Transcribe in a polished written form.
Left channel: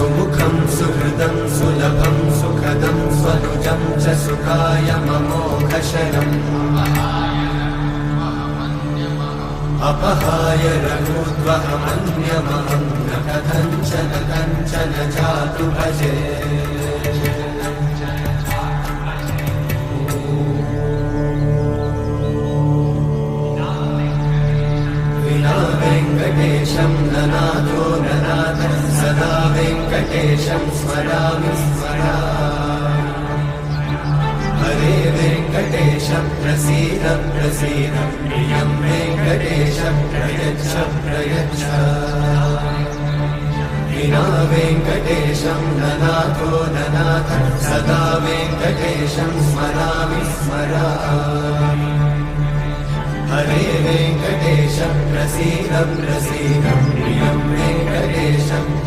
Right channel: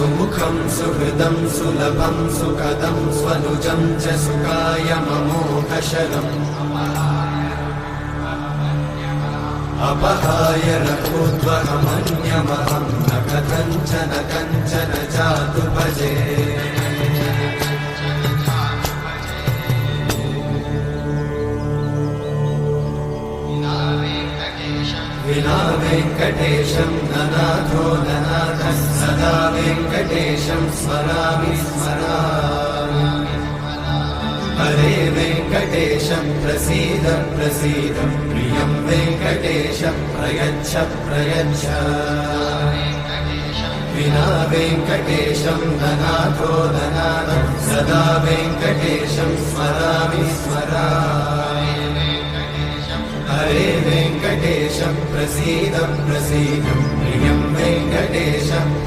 सुमुखं सुहृदं सुलभं सुखदं स्वनुजं च सुखाय ममोघशयम् अपहाय रघूद्वहमन्यमहं न कथञ्चन कञ्चन जातु भजे विना वेङ्कटेशं ननाथो ननाथः सदा वेङ्कटेशं स्मरामि स्मरामि हरे वेङ्कटेशं प्रसीद प्रसीद प्रियं वेङ्कटेशं प्रयच्छ प्रयच्छ विना वेङ्कटेशं ननाथो ननाथः सदा वेङ्कटेशं स्मरामि स्मरामि हरे वेङ्कटेशं प्रसीद प्रसीद प्रियं वेङ्कटेशं